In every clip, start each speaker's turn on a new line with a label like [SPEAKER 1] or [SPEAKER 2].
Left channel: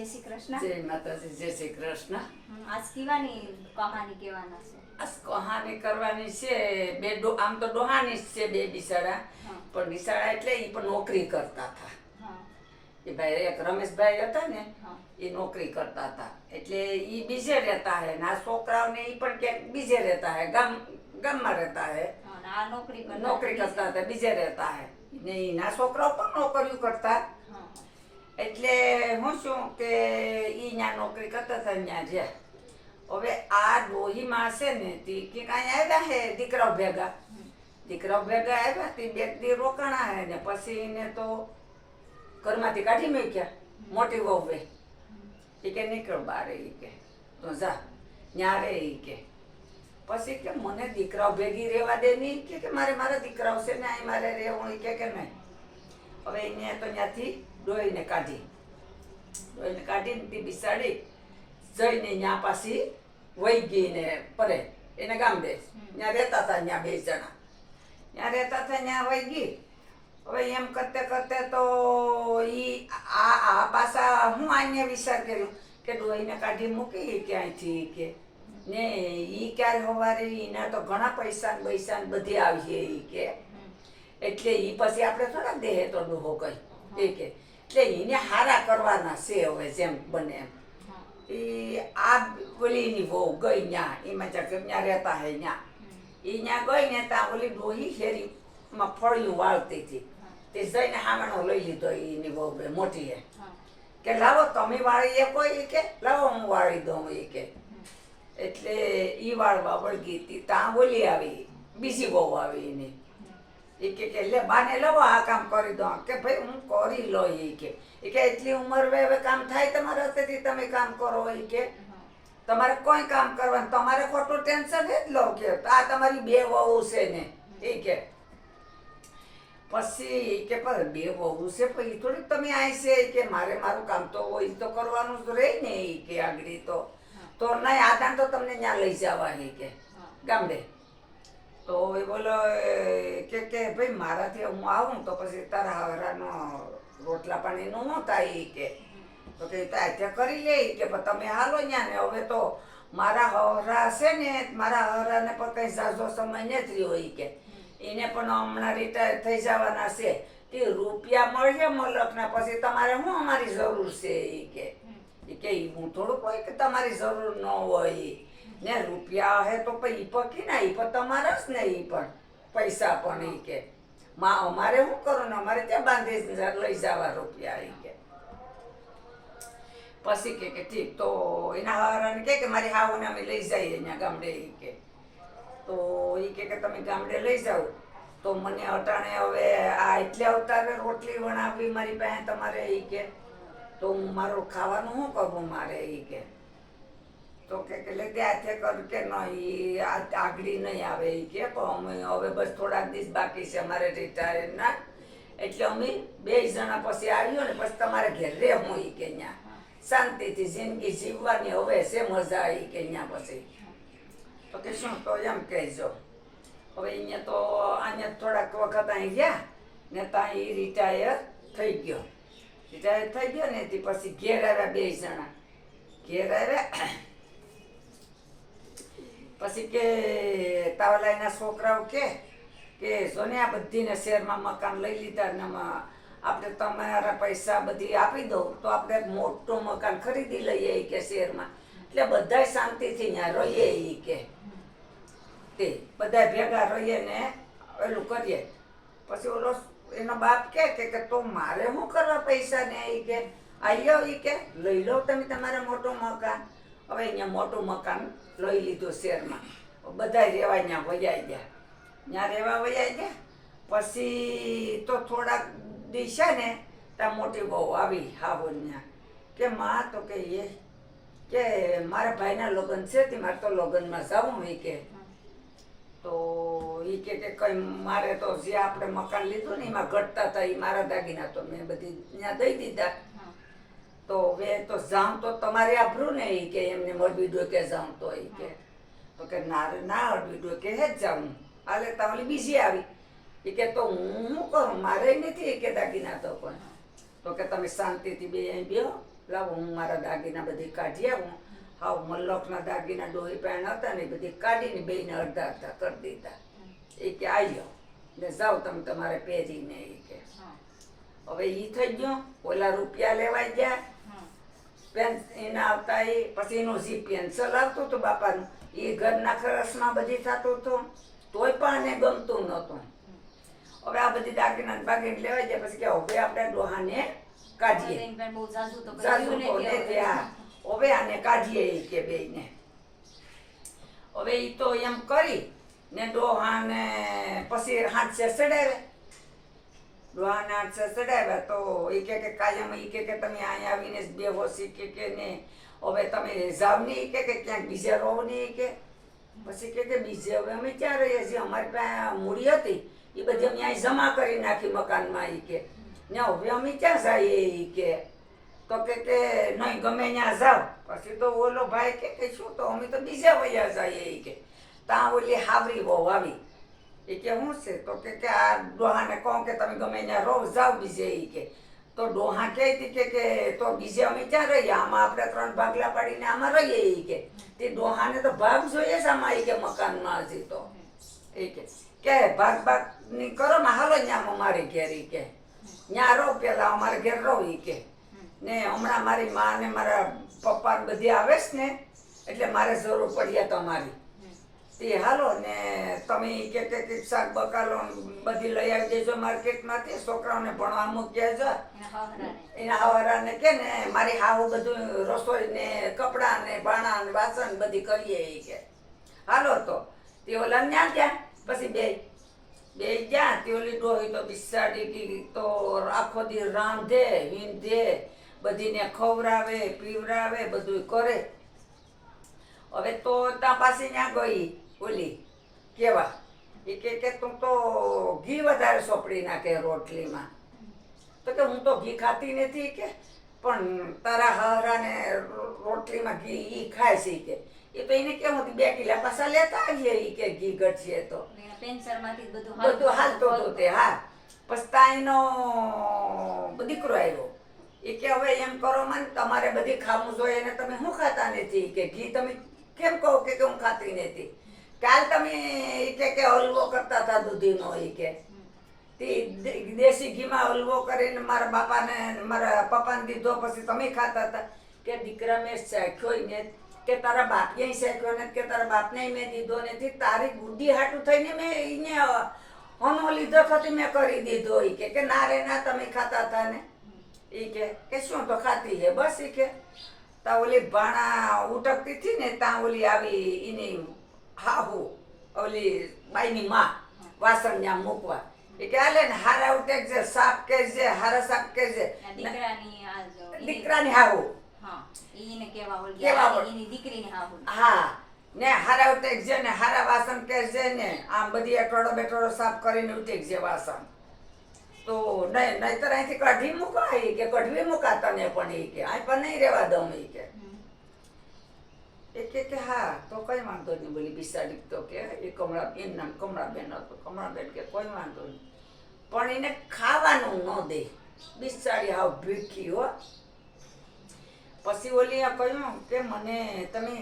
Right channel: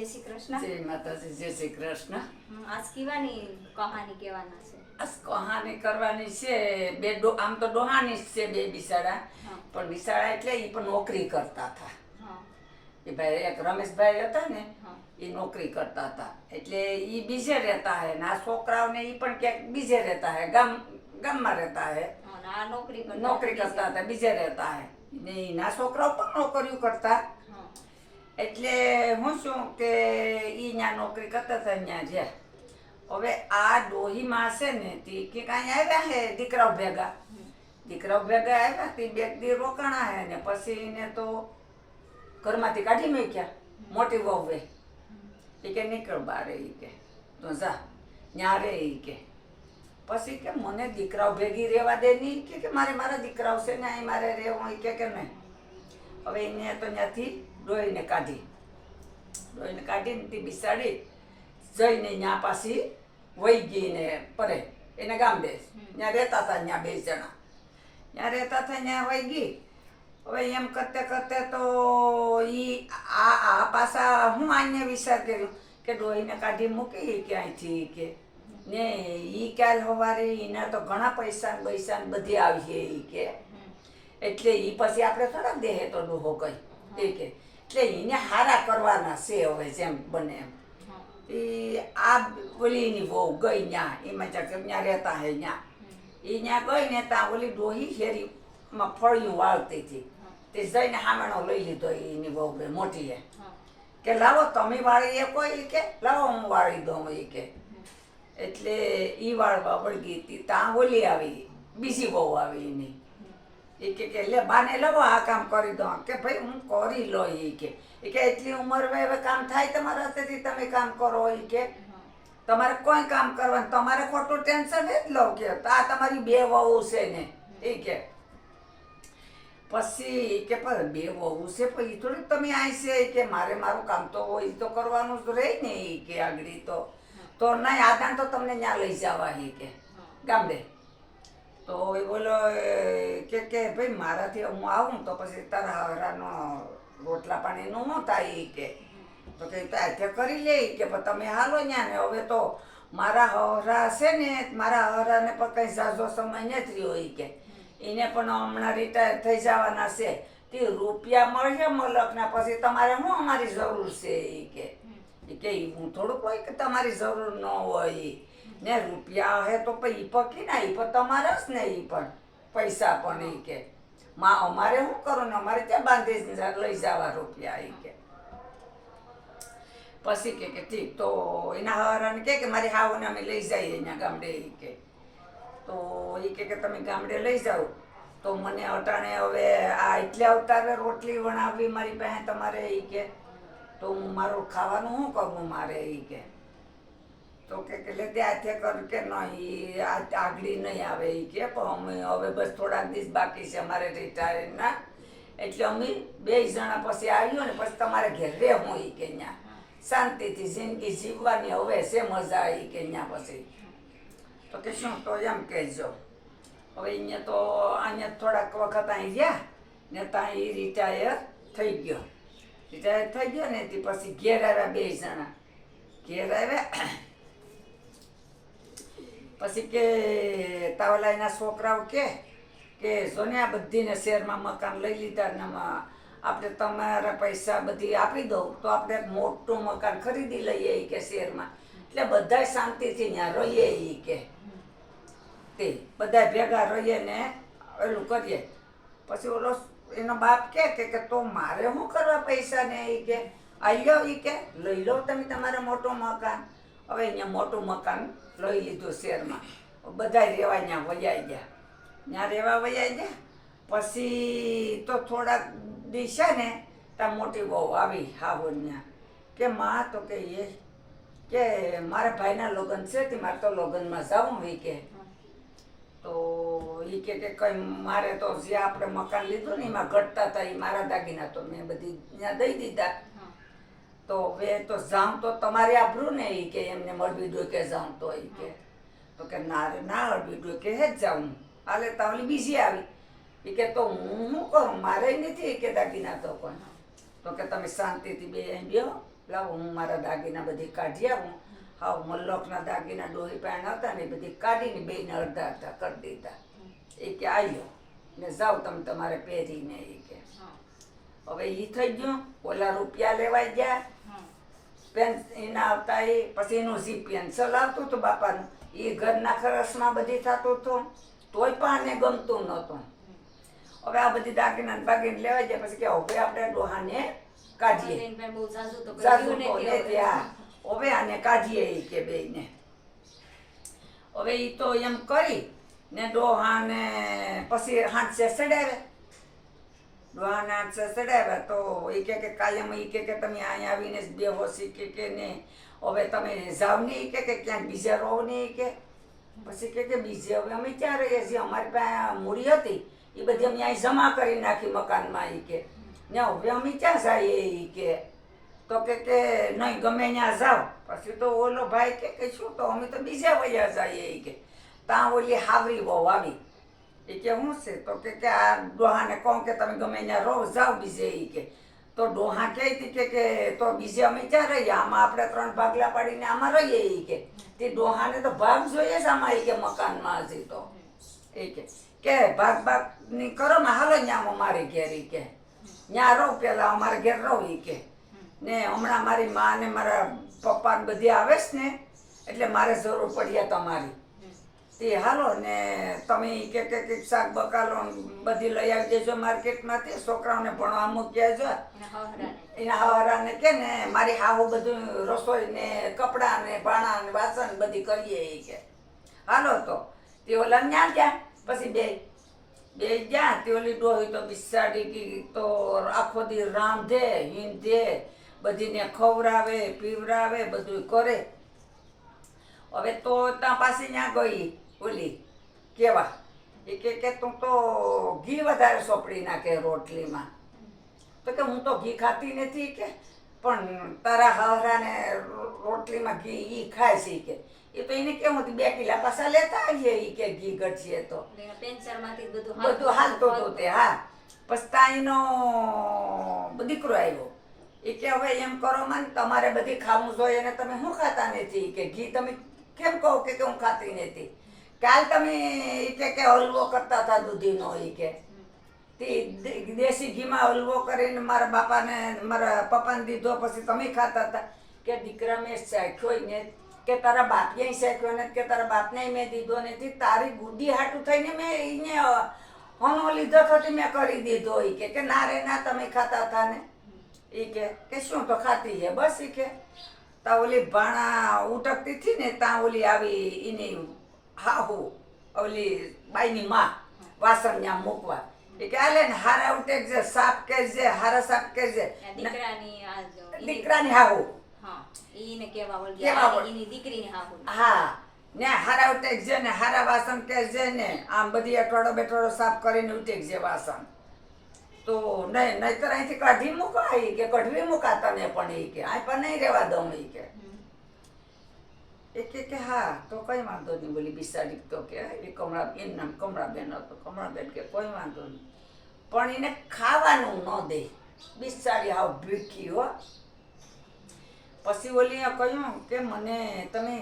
[SPEAKER 1] જય શ્રી કૃષ્ણ.
[SPEAKER 2] જય માતાજી જય શ્રી કૃષ્ણ.
[SPEAKER 1] આજ કીવાની કહાની કહેવાના છે?
[SPEAKER 2] આજ કહાની કરવાની છે બે ડો આમ તો ડોહાની જ છે બે બિસાડા. પણ બિસાડા એટલે એ પણ નોકરી કરતા હતા. એ ભાઈ એક રમેશભાઈ હતા ને એ નોકરી કરતા હતા. એટલે એ બીજે રહેતા હે ના છોકરાઓને એ પણ ક્યાંક બીજે રહેતા હે ગામ ગામમાં રહેતા હે.
[SPEAKER 1] નોકરી કરતા
[SPEAKER 2] નોકરી કરતા હતા બીજે રહેતા હે. ને ના છોકરાઓ પણ નોકરીઓ કરતા. એટલે હું શું કે એ ત્યાં નોકરી કરતા હતા ત્યાં જ્યાં હવે આ ડોહીમાં છે ને તે કે કાંઈ આવ્યા હે દીકરાઓ ભેગા. દીકરાઓ ભેગા આવ્યા તે બે દી રોકાણા હે ને પછી એને તો ઘરમાંથી કાઢી મૂક્યા. મોટી વહુએ એ. કે નીકળ બારે ઈ કે. તો જા. ત્યાં રે ઈ કે. પછી કે મને દીકરાઓ ભેગી રહેવા દે નહીં કે મારે મારા દીકરાઓ છે ને અહીં મારે રહેવું કે કે નહીં. હવે એને તો ત્યાંથી ડોહીને કાઢી. ડોહીને કાઢીને તે બિસાડી જઈને ત્યાં પાછી વહી ગઈ ને પરે એને ગામ દે. ત્યાં રહેતા હતા ત્યાં બે જણા. ત્યાં રહેતા હતા ત્યાં વહી ગઈ. હવે એમ કરતે કરતે તો ઈ આ આ પાછા હું આને વિચાર કર્યો કે ડોહીને કાઢી મૂકી ક્યાંયથી કે ને ઈ ક્યારે સવારે એના તો ઘણા પૈસા ને પૈસા ને બધી આવી છે ઈ કે. એટલે ઈ પછી આપણે થોડા દેહે તો ડોહો કહી એ કે એટલે એને હારા કરવાના છે હવે જેમ બને એમ. એ આ ઓલીની બહુ ગઈ ન્યા એમાં ચાકે ત્યાં રહેતા હે ન્યા. એ ત્યાં ગઈ ને ત્યાં ઓલી ડોહી શેરીમાં ફળિયું વાળતી હતી. તે જઈને હામેણો લઈ લીધો એની બહુ મોટી હે. કે લાવો તમે વાળી એ કોઈ કે લાવો હું વાળી દઉં એ કે. એટલે ઈ વાળવા વળગી હતી ત્યાં ઓલી આવી બીજી બહુ આવી એની. એ કે કે લે બાને લવો આ કામ કરી દો. કે ભાઈ હું કરી લો એ કે. એ કે એટલી ઉંમર હવે હવે કામ થાય તમારા હાથેથી તમે કામ કરો એ કે. તમારે કોઈ કામ કરવાનું તમારે ખોટું ટેન્શન જ લો કે આ તમારી બે વહુ છે ને. એ કે. પછી કે પણ બે વહુ છે પછી એ થોડીક તમે આય છે કે મારે મારું કામ તો હોય તો કરવાનું જ રહે ને એ કે આગળ તો. તો નહીં આદાન તો તમને ત્યાં લઈ જવા એ કે. ગામડે. તો એ બોલો કે કે ભાઈ, મારાથી હું આવું તો પછી તારા હરાનો રોટલા પાણીનું ન થાય કે. તો કે ત્યાં કરી લે કે તમે હાલો ત્યાં ને, હવે તો મારા હરા છે ને, મારા હરાને પણ કંઈ ઝાઝો સમય નથી હોય કે. એને પણ હમણાં રિટાયર થઈ જવાના છે. તે રૂપિયા મળશે મલકના પછી તમારે શું અમારી જરૂર છે એ કે? કે હું થોડુંક હોય કે તમારી જરૂર ન હોય. ને રૂપિયા હે તો પછી ઈ પકી ના, ઈ પણ તમારા જ ને ઈ પણ. પૈસા પણ ઈ કે. માં, અમારે શું કરો ને, અમારે ત્યાં બાંધી લઈ જવા રૂપિયા ઈ કે. પછી કે કે ઠીક, તો એના હરાને કે કે મારી હાવને અમે લઈ જઈએ અહીંયા ગામડે એ કે. તો એ કે કે તમે ગામડે લઈ જાઓ. તો મને અટાણે હવે આ એટલે અવતારે રોટલી વણાવવી મારી પાસે તમારે એ કે. તો હું મારું ખાવાનું શું કરવું મારે એ કે. તો કે કે લે ત્યાંથી કર કે નહીં, આ આગળી નહીં આવે એ કે, પણ અમે હવે બસ થોડાક દિવસ બાકી છે, અમારે રિટાયરના એટલે અમે બે જણા પછી આવ્યો ને પછી તમારે ઘેર રહેવું એ કે ત્યાં શાંતિથી જિંદગી જીવવાની હવે છે મજા આવી કે અહીંયા પછી. તો કે શું, તો એમ કહેજો. હવે અહીંયા તો, અહીંયા થોડાક વખત અહીં ગયા ને ત્યાં એ રિટાયર થઈ ગયો. રિટાયર થઈ ગયો ને તે પછી ઘેર આવ્યા બે જણા. ઘેર આવ્યા પછી કે તાવલા એના છોકરાઓ કે કે સોને આ બધીને શેરમાં મકાન લઈ લીધા ને આપણે તમારા પૈસા બધી આપી દો તો આપણે મોટું મકાન ખરીદી લઈએ એ કે શેરમાં. એટલે બધા શાંતિથી ત્યાં રહીએ એ કે. તે બધા ભેગા રહીએ ને એલું કરીએ. પછી ઓલો એનો બાપ કે કે તો મારે શું કરવા પૈસા ને એ કે? આવ્યો એ કે, લઈ લો તમે તમારે મોટો મકાન. હવે અહીંયા મોટું મકાન લઈ લીધું શહેરમાં બધા રહેવા ત્યાં વયાઈ ગયા. ત્યાં રહેવા વયાઈ ગયા, પછી તો થોડાક દિવસે ને ત્યાં મોટી બહુ આવી હાવો ત્યાં. કે માં તો કે એ, કે મારા ભાઈના લગ્ન છે તે મારે તો લગ્નમાં જવું એ કે. તો એ કે કે કંઈ મારે તો જે આપણે મકાન લીધું ને એમાં ઘટતા હતા એ મારા દાગીના તો મેં બધી ત્યાં દઈ દીધા. તો હવે તો જાઉં તો તમારે આભરું ને એ કે એમને મળવી દો કે જાઉં તો એ કે. તો કે ના રે ના અડવી દો કે હે જ જાઉં. હાલે તાવલી બીજી આવી. એ કે તો હું શું કરું? મારે નથી કે દાગીના તો કોઈ. તો કે તમે શાંતિથી બે અહીં બેહો. લાવો હું મારા દાગીના બધી કાઢી આવું. હાવ મલ્લોકના દાગીના ડોહી પહેણ હતા ને બધી કાઢીને બેને અડધા અડધા કરી દીધા. એ કે આવ્યો ને જાઓ તમે તમારે પહેરીને એ કે. હવે એ થઈ ગયો. ઓલા રૂપિયા લેવાઈ ગયા.
[SPEAKER 1] હા
[SPEAKER 2] પેન આવતા એ પછી એનું જે પેન્સલ આવતું હતું બાપાનું. એ ઘરના ખરસમાં બધી થતું હતું તોય પણ આને ગમતું નહોતું. હવે આ બધી દાગીના ને બાગીને લેવાઈ જાય પછી કે હવે આપણે ડોહાને કાઢીએ. હવે. આને કાઢીએ ઈ કે બેને હવે એ તો એમ કરી ને ડોહાને પછી હાથ ચડાવે ડોહાને હાથસે ચડાવ્યા તો એ કે કે કાયમ એ કે કે તમે અહીંયા આવીને જ બેહો શી કે કે ને હવે તમે જાવ ને એ કે કે ક્યાંક બીજે રહો ને એ કે પછી કે કે બીજે હવે અમે ક્યાં રહીએ છીએ? અમારી પાસે મૂડી હતી. એ બધી અમે અહીં જમા કરી નાખી મકાનમાં એ કે ને હવે અમે ક્યાં જઈએ એ કે તો કે કે નહીં, ગમે ત્યાં જાવ પછી તો ઓલો ભાઈ કે કે શું તો અમે તો બીજા વયા જઈએ એ કે ત્યાં ઓલી હાવરી બહુ આવી. એ કે શું છે? તો કે કે આ ડોહાને કહું કે તમે ગમે ત્યાં રહો, જાઓ બીજે એ કે. તો ડોહા કહેતી કે કે તો બીજે અમે ક્યાં રહીએ? આમાં આપણે ત્રણ ભાગલા પાડીને આમાં રહીએ એ કે. તે ડોહાને તો ભાગ જોઈએ જ આમાં એ કે મકાનમાં હજી તો. એ કે. કે ભાગ ભાગની કરો ને હાલો ત્યાં અમારી ઘેર એ કે. ત્યાં રહો પેલા, અમારે ઘેર રહો એ કે. ને હમણાં મારી મા ને મારા પપ્પા બધી આવે છે ને, એટલે મારે જરૂર પડીએ તમારી. તે હાલો ને તમે કે કે કે શાક બકાલો બધી લઈ આવી દેજો માર્કેટમાંથી છોકરાઓને ભણવા મૂક્યા છે એના હવરાને. કે ને મારી હાહુ બધું રસોઈ ને કપડાં ને ભાણા ને વાસણ બધી કરીએ એ કે. હાલો તો. તે ઓલા ન્યા ગયા? પછી બે. બે ગયા. તે ઓલી ડોહી તો બિસાડી કી તો આખો દી રાંધે હિંધે બધીને ખવડાવે પીવડાવે બધું કરે. હવે તો ત્યાં પાછી ત્યાં ગઈ. ઓલી કેવા? એ કે કે તું તો ઘી વધારે સોપડી નાખે રોટલીમાં. તો કે હું તો ઘી ખાતી નથી કે પણ તારા હારાને રોટલીમાં ઘી ઈ ખાય છે કે. એ તો એને કેમ હતું બે કિલા પાછા લેતા આવીએ ઈ કે ઘી ઘટશે તો.
[SPEAKER 1] બધું
[SPEAKER 2] હાલતો હતો તે હા. પછી તાઈનો દીકરો આવ્યો. એ કે હવે એમ કરો મને તમારે બધી ખાવું જોઈએ ને તમે શું ખાતા નથી કે? ઘી તમે કેમ કહો કે કે હું ખાતી નથી? કાલ તમે એ કે કે હલવો કરતા હતા દૂધીનો ઈ કે. તે દેશી ઘીમાં હલવો કરીને મારા બાપાને, મારા પપ્પાને દીધો, પછી તમે ખાતા હતા. કે દીકરા મેં શેખ્યો ને કે તારા બાપને શેખ્યો ને કે તારા બાપને મેં દીધો નથી. તારી ગુડી હાટું થઈને મેં એને હનો લીધો તો મેં કરી દીધો એ કે. કે ના રે, ના, તમે ખાતા હતા ને. એ કે કે શું તો ખાતી હે બસ એ કે. તા ઓલી ભાણા ઉટકતી હતી ને ત્યાં ઓલી આવી એની હાહુ ઓલી બાઈની માં વાસણ ત્યાં મૂકવા. એ કે હાલે ને હારા ઉટેક છે સાપ કે છે હારા સાપ કે છે.
[SPEAKER 1] દીકરાની
[SPEAKER 2] દીકરાની હાહુ.
[SPEAKER 1] હા ઈને કેવા ઓળખી
[SPEAKER 2] કેવા
[SPEAKER 1] એની દીકરીની હાહુ.
[SPEAKER 2] હા ને હારા ઉટેક છે ને હારા વાસણ ને આમ બધી અઠવાડો બેઠવાડો સાફ કરીને ઉટેક છે વાસણ. તો નહીં નહીતર અહીંથી કઢી મૂકા કે કઢવી મૂકા તને પણ એ કે આ પણ નહીં રહેવા દઉં એ કે. એ કે હા તો કંઈ વાંધો નહીં બોલી બિસાડી તો કે એ કમળા એમ નામ કમળાબેન હતો કમળાબેન કે કોઈ વાંધો નહીં પણ એને ખાવાનું ન દે બિસાડી હાવ ભીખી હો પછી ઓલીએ કહ્યું કે મને તમે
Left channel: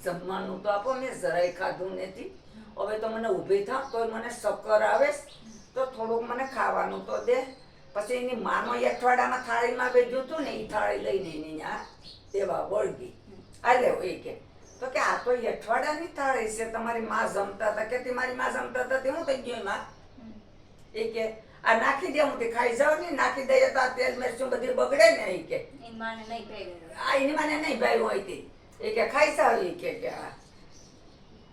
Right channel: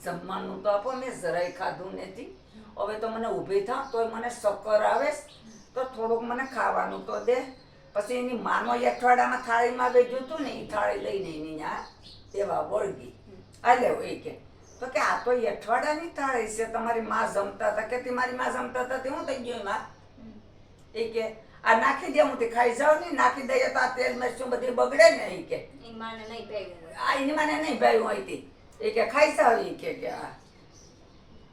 [SPEAKER 2] જમવાનું તો આપો મેં જરાય ખાધું નથી હવે તો મને ઊભી થાવ તોય મને શક્કર આવે તો થોડુંક મને ખાવાનું તો દે પછી એની માનો અઠવાડિયામાં થાળીમાં બેજ્યું હતું ને એ થાળી લઈને એની ત્યાં દેવા વળગી લેવો એ કે તો કે આ તો એ અઠવાડિયાની થાળી છે તમારી માં જમતા હતા. કે મારી માં જમતા હતા તે હું થઈ ગયું એમાં? એ કે આ નાખી દે હું તે ખાઈ જાવ ને નાખી દઈએ તો આ તેલ મરચું બધી બગડે ને એ કે. આ એની માને નહીં ભાઈ હોય તે. એ કે ખાઈ જાવ એ કે કે આ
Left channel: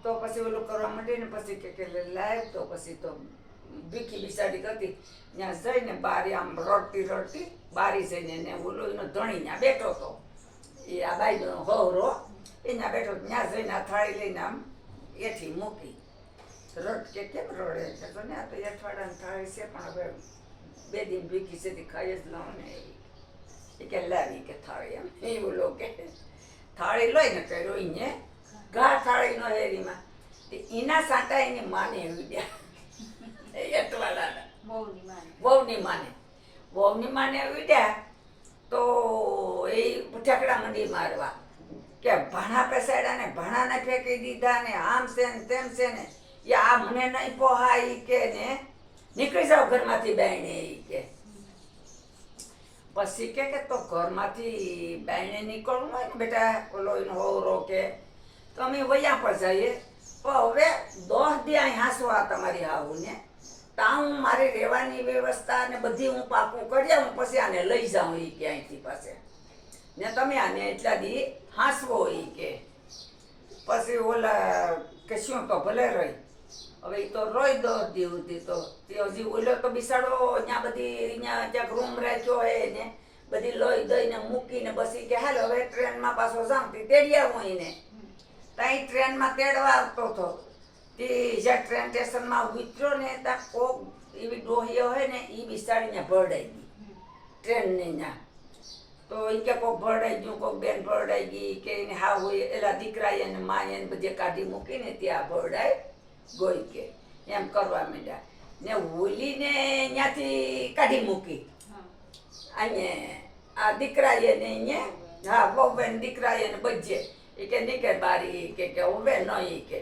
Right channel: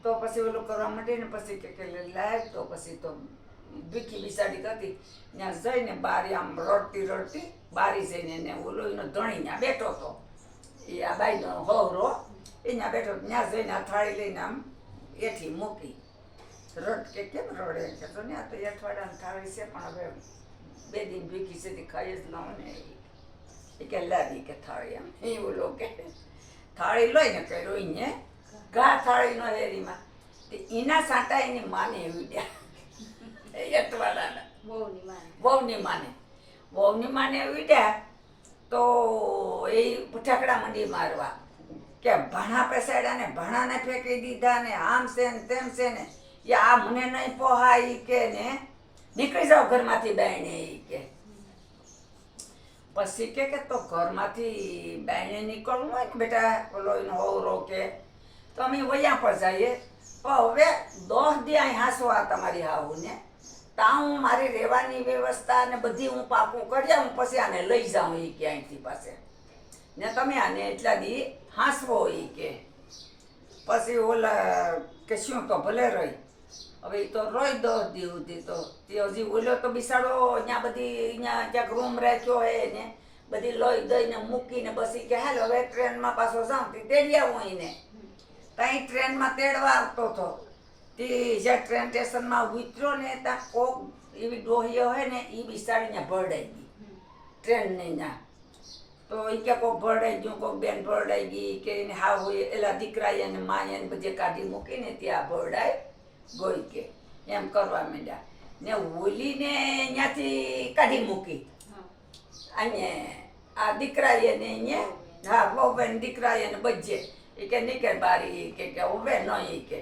[SPEAKER 2] તો પછી ઓલું કરવા માંડી ને પછી કે કે લાવ તો પછી તો ભીખી બિસાડી કરતી. ત્યાં જઈને બારી આમ રડતી રડતી બારી જઈને એને ઓલો એનો ધણી ત્યાં બેઠો હતો. એ આ બાઈનો હવરો ત્યાં બેઠો ત્યાં જઈને આ થાળી લઈને આમ એથી મૂકી. રડ કે કેમ રડે? કે તો ને આ તો અઠવાડિયાની થાળી છે પણ હવે બે દિન ભીખી છે ખાઈ જ લઉં ને એ. કે લાવી કે થાળી એમ. એ બોલો કે થાળી લઈને કે રોઈને ઘા થાળી નો હેરીમાં તે એના સાંટા એની માને એવી એ અટવાડાના
[SPEAKER 1] બહુ ની માને.
[SPEAKER 2] વહુની માને. વહુની માને વિડ્યા તો તો એ ઠેકડા મંડી મારવા. કે ભાણા પેસાડ્યા ને, ભાણાને ફેંકી દીધા ને, આમ છે ને તેમ છે ને, એ આ મને નહીં પોહાય કે ને, નીકળી જાવ ઘરમાંથી ઈ કે. પછી કે કે તો ઘરમાંથી બાયણે નીકળવું હોય ને બેટા ઓલો એનો હોવરો કે, તો અમે વયા પર જઈએ. પણ હવે દોઢ દી અહીં હાંસવા તમારી હાવું ને ત્યાં હું મારી રહેવાની વ્યવસ્થા ને બધી હું પાકું કરી આવું પછી આને લઈ જાઉં એ ક્યાંયથી પાસે. ને તમે આને એટલા દી હાંસવો એ કે. પછી ઓલા કે શું તો ભલે રહી. હવે એ તો રોઈ દો દી સુધી તો તે હજી ઓલો તો બિસાડો અહીંયા બધી અહીંયા ક્યાંક રૂમ રાખ્યો હોય ને બધી લોહી દઈને મૂકીને બસી કે હાલ હવે ટ્રેનમાં પાછો જાઉં તે તેડી આવું એને ત્યાં ટ્રેનમાં તેડવા આવતો હતો તે જ્યાં ટ્રેન સ્ટેશનમાં ઉતર્યો ને ત્યાં કોક એવી ડોહીઓ હોય ને એ બિસાડીને ભરડાઈ ગઈ. ટ્રેનને ત્યાં. તો એ કે કોક ભરડાઈ ગયું, કોક બેન ભરડાઈ ગઈ કે એને હા હોય એલા દીકરા એને મા એને બધે કાઢી મૂકીને ત્યાં ભરડાઈ ગઈ કે. એમ કરવા માંડ્યા. ને હોલીને ત્યાંથી કાઢી મૂકી. અહીંયા આ દીકરા એને અહીંયા હા બહુ બેન દીકરા એને બજે એ કે નીકળ બારી કે કે ઉભે ન એ કે.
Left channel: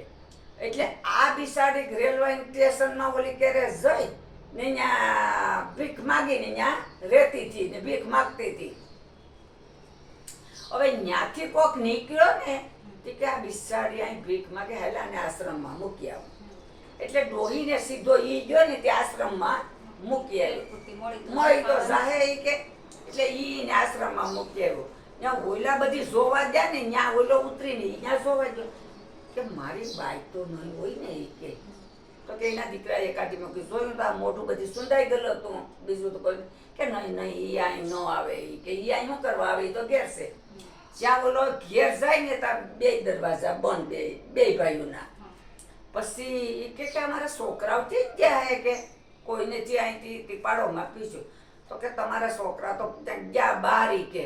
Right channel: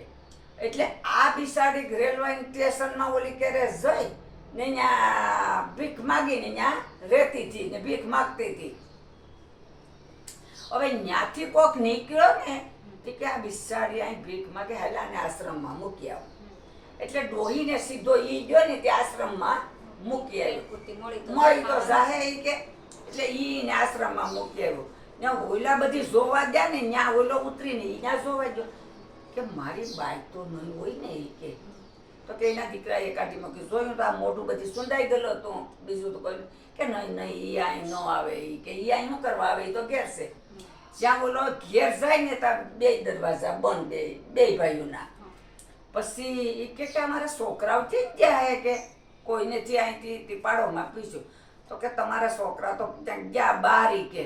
[SPEAKER 2] એટલે આ બિસાડી રેલવે સ્ટેશનમાં ઓલી કેરે જઈ ને અહીંયા ભીખ માગીને અહીંયા રહેતી હતી ને ભીખ માગતી હતી હવે ત્યાંથી કોક નીકળ્યો ને તો કે આ બિસાડી અહીં ભીખ માગે હેલા ને આશ્રમમાં મૂકી આવો. એટલે ડોહીને સીધો ઈ ગયો ને તે આશ્રમમાં મૂકી આવ્યો.
[SPEAKER 1] મળી તો
[SPEAKER 2] સાહે ઈ કે એટલે ઈ આશ્રમમાં મૂકી આવ્યો. ત્યાં ઓલા બધી જોવા ગયા ને ત્યાં ઓલો ઉતરીને ત્યાં જોવા ગયો. કે મારી બાઈ તો નહીં હોય ને એ કે. તો કે એના દીકરાએ કાઢી મૂકી જોયું તો આ મોઢું બધી સુંદાઈ ગયેલું હતું. બીજું તો કોઈ કે નહીં નહીં એ અહીં ન આવે એ કે ઈ અહીં શું કરવા આવે એ તો ઘેર છે. જ્યાં ઓલો ઘેર જાય ને ત્યાં બે દરવાજા બંધ બે બે ભાઈઓના. પછી એ કે કે અમારા છોકરાઓ થઈ જ ગયા હે? કે કોઈને જે અહીંથી ટીપાડોમાં પીશું તો કે તમારા છોકરા તો ત્યાં ગયા બારી કે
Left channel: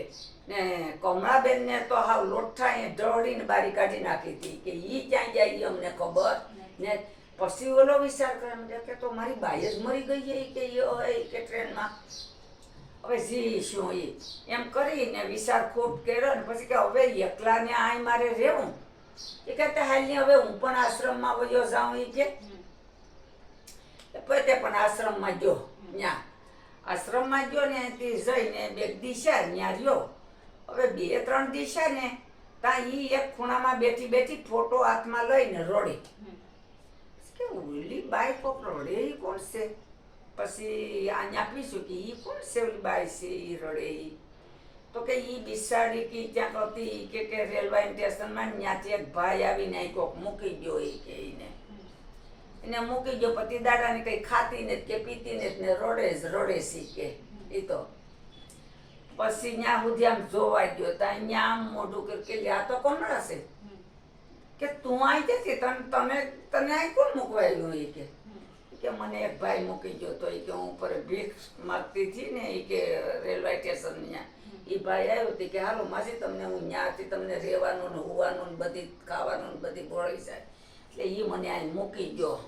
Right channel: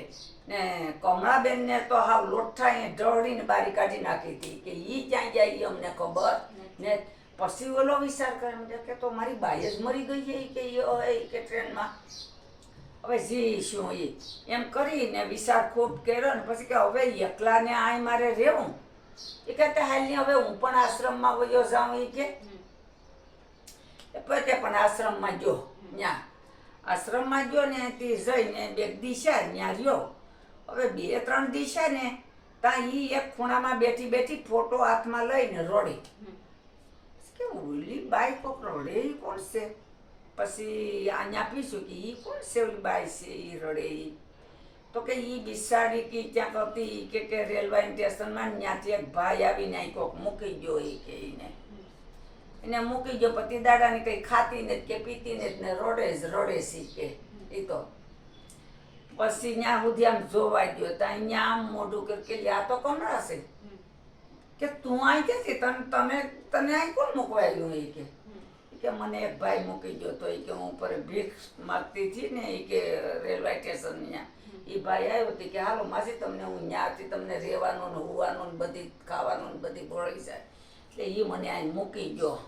[SPEAKER 2] ને કમળાબેનને તો હાવ લોઠા એ ઢળીને બારી કાઢી નાખી હતી. કે એ ક્યાં ગયા એ અમને ખબર ને પછી ઓલો વિચાર કરે એમ કે તો મારી બાઈ જ મરી ગઈ છે કે હવે કે ટ્રેનમાં. હવે જી, શું એ એમ કરીને વિચાર ખૂબ કર્યો ને પછી કે હવે એકલાને આય મારે રહેવું. એ કહેતા હાલની હવે હું પણ આશ્રમમાં વયો જાઉં એ કે. એ પોતે પણ આશ્રમમાં જો ત્યાં આશ્રમમાં જો ને તે જઈને બે દિશા ત્યાં રહ્યો. હવે બે, ત્રણ દિશા ને ત્યાં એ એક ખૂણામાં બેઠી બેઠી ફોટો હાથમાં લઈને રોડી. કે ઓલી બાઈ કોક રડે એ કોણ છે? પછી અહીંયા પીશું કે એ કોણ છે ઓલી બાઈ છે એ રડે એ તો કે એ બિસાડી કે ત્યાં હતી કે કે રેલવે સ્ટેશનમાં ત્યાંથી એક ભાઈ આવીને કોક મૂકી ગયો એ કે એને એને મૂકી ગયો પતિ દાદાને કંઈ ખાતી ને કે પીતી ને ને રોડે જ રોડે સી કે એ તો. પછી ત્યાં સુધી આમ જોવા ગયો ત્યાં આમ મોઢું કરી કે આ તો કોણ હશે. કે તું અહીં ક્યાંથી તને તમે તને અહીં કોણ મૂકવા એ કે. કે મને એક ભાઈ મૂકી ગયો તો એ કે હું ઉપર ભીખ માગતી હતી ને એ કે રેલવે સ્ટેશન ત્યાં એ ભાઈ આવ્યો હતી કે હાલો માસી તમને હું ત્યાંથી તમને રહેવાનું ને હોવાનું ને બધી ખાવાનું ને બધી ભોળી જાય. એટલે એ મને અહીં મૂકી ગયો.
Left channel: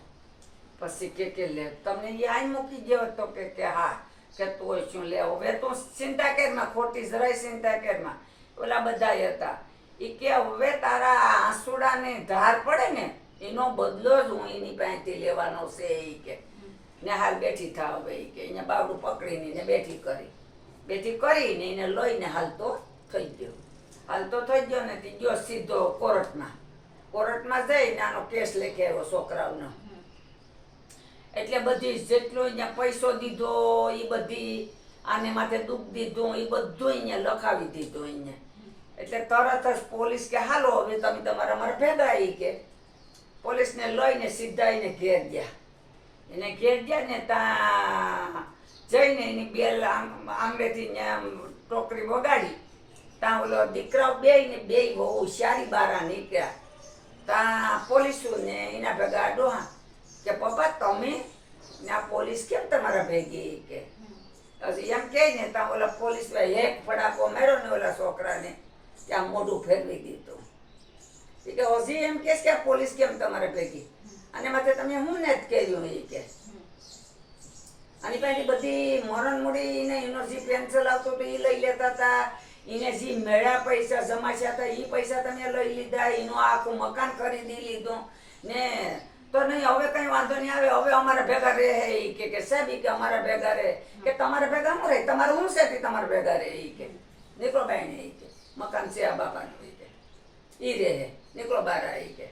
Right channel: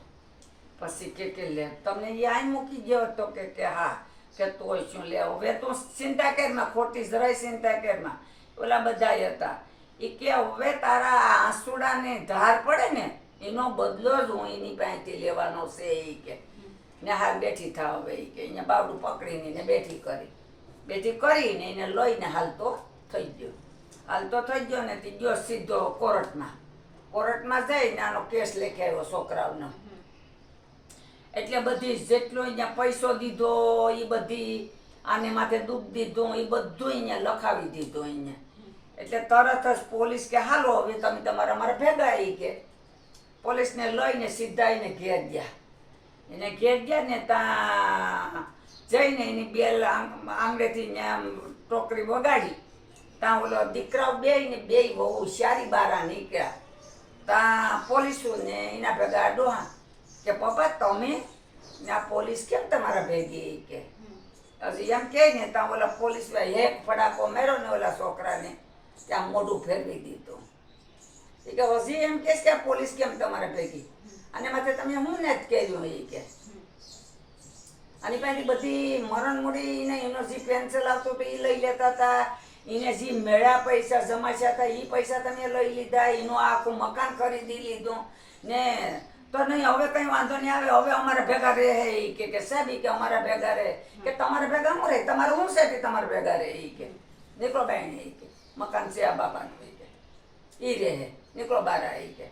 [SPEAKER 2] પછી કે કે લે તમને એ અહીં મૂકી ગયો તો કે કે હા કે તોય શું લે હવે તું ચિંતા કરમાં ખોટી જરાય ચિંતા કરમાં ઓલા બધા હતા. એ કે હવે તારા આંસુડાને ધાર પડે ને, એનો બદલો જ હું એની પાસેથી લેવાનો છે એ કે. ને હાલ બેઠી થાવ હવે એ કે અહીંયા બાવડું પકડીને એને બેઠી કરી. બેઠી કરીને એને લઈને હાલતો થઈ ગયો. હાલતો થઈ ગયો ને, તે ગયો સીધો કોર્ટમાં. કોર્ટમાં જઈને આનો કેસ લખી આવ્યો છોકરાઓનો. એટલે બધી જેટલો અહીંયા પૈસો દીધો એ બધી આને માથે દુઃખ દીધું એ બધું અહીંયા લખાવી દીધું અહીંયા. એટલે તરત જ પોલીસ કે હાલો હવે તમે તમારા મારા ભેગા આવી કે. પોલીસને લઈને સીધા એને ઘેર ગયા. એને ઘેર ગયા ને ત્યાં જઈને એની બેલ આંગ- આંગળેથી ટોકરી વગાડી. ત્યાં ઓલો દીકરાઓ બે ને બે બહુ હોશિયારી બારા નીકળ્યા. ત્યાં પોલીસોને એના ભેગા ડોહા કે પપ્પા તમે ને આ પોલીસ કેમ તમારા ભેગી કે? હજી એમ કહે ને ત્યાં ઓલા પોલીસ હેક ફડાકો મેરો ને ઓલા છોકરાને. ત્યાં મોઢું ફેરવી દીધું. એ કે હજી એમ કે આ પોલીસ કેમ તમારે ભેગી? અને માથે તમે હું ને જ કર્યું એ કે? અને પછી બધી મરણ મૂડી ને એનો જે પેન્સિલ આવતો તો એ લઈ લેતા હતા એને જે મેળા પૈસા જમાશ્યા હતા એ પૈસા તમે લઈ લીધા, એનું આખું મકાન ખરીદી લીધું. ને તો નહીં, હવે કંઈ વાંધો નહીં આવે, હવે અમારા ભેગા રહે એ કે કે સાહેબ કે અમારા ભેગા રહે. કે તમારા ભેગા હું રહે? તમારે હું છે કે તમારા ભેગા રહે એ કે? નીકળો બાઈને એ કે. મકાન છે આ બાપાનું કે. ઈ રહે નીકળો બાર આવી કે.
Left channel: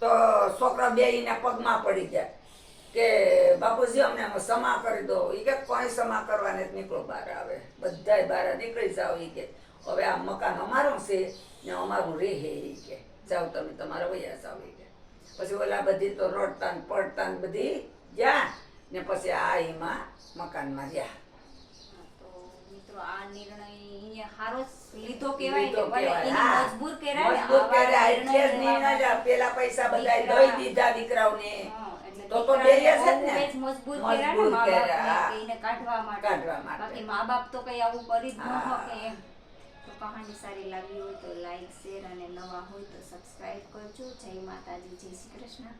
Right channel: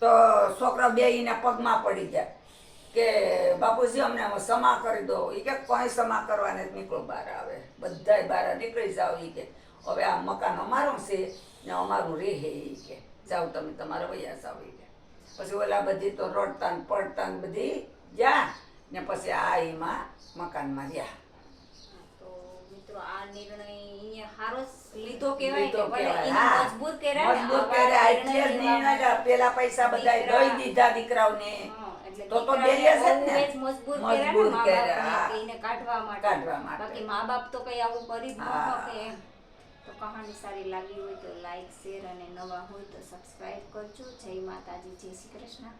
[SPEAKER 2] તો છોકરા બે એના પગમાં પડી જાય કે બાપુજી અમને સમા કરી દો. એ કે કોઈ સમા કરવાને નીકળો બહાર આવે. બધાય બહાર નીકળી જાઓ એ કે. હવે આ મકાન અમારું છે ને અમારું રહે એ કે. જાઓ તમે તમારા વૈયા જાઓ એ કે. પછી ઓલા બધી તો રડતા ને પડતા ને બધી જ્યાં ને પછી આ એમાં મકાનમાં રહ્યા.
[SPEAKER 1] મિત્રો આ નિર્ણય અહીંયા હારો લીધો કહેવાય ને ભલે
[SPEAKER 2] કહેવાય,
[SPEAKER 1] મજબૂર કર્યા ને
[SPEAKER 2] મજબૂત
[SPEAKER 1] આવા નિર્ણય
[SPEAKER 2] એટલે જ નહીં
[SPEAKER 1] લેવા
[SPEAKER 2] ના પેલા પૈસા બધા દઈ દીધા દીકરાઓને. તો તો
[SPEAKER 1] દીકરાને
[SPEAKER 2] છે ને.
[SPEAKER 1] મજબૂર કર્યા મા
[SPEAKER 2] કર્યા,
[SPEAKER 1] બાપને
[SPEAKER 2] હા.
[SPEAKER 1] કે એને કાઢવા માટે. બાકી મા બાપ તો કઈ આવું કરી જ ન શકે એમ તો કહાની સારી લાગી હોય તો લાઈક શેર અને નવા હોય તો સબસ્ક્રાઇબ કરજો. જય માતાજી જય શ્રી કૃષ્ણ.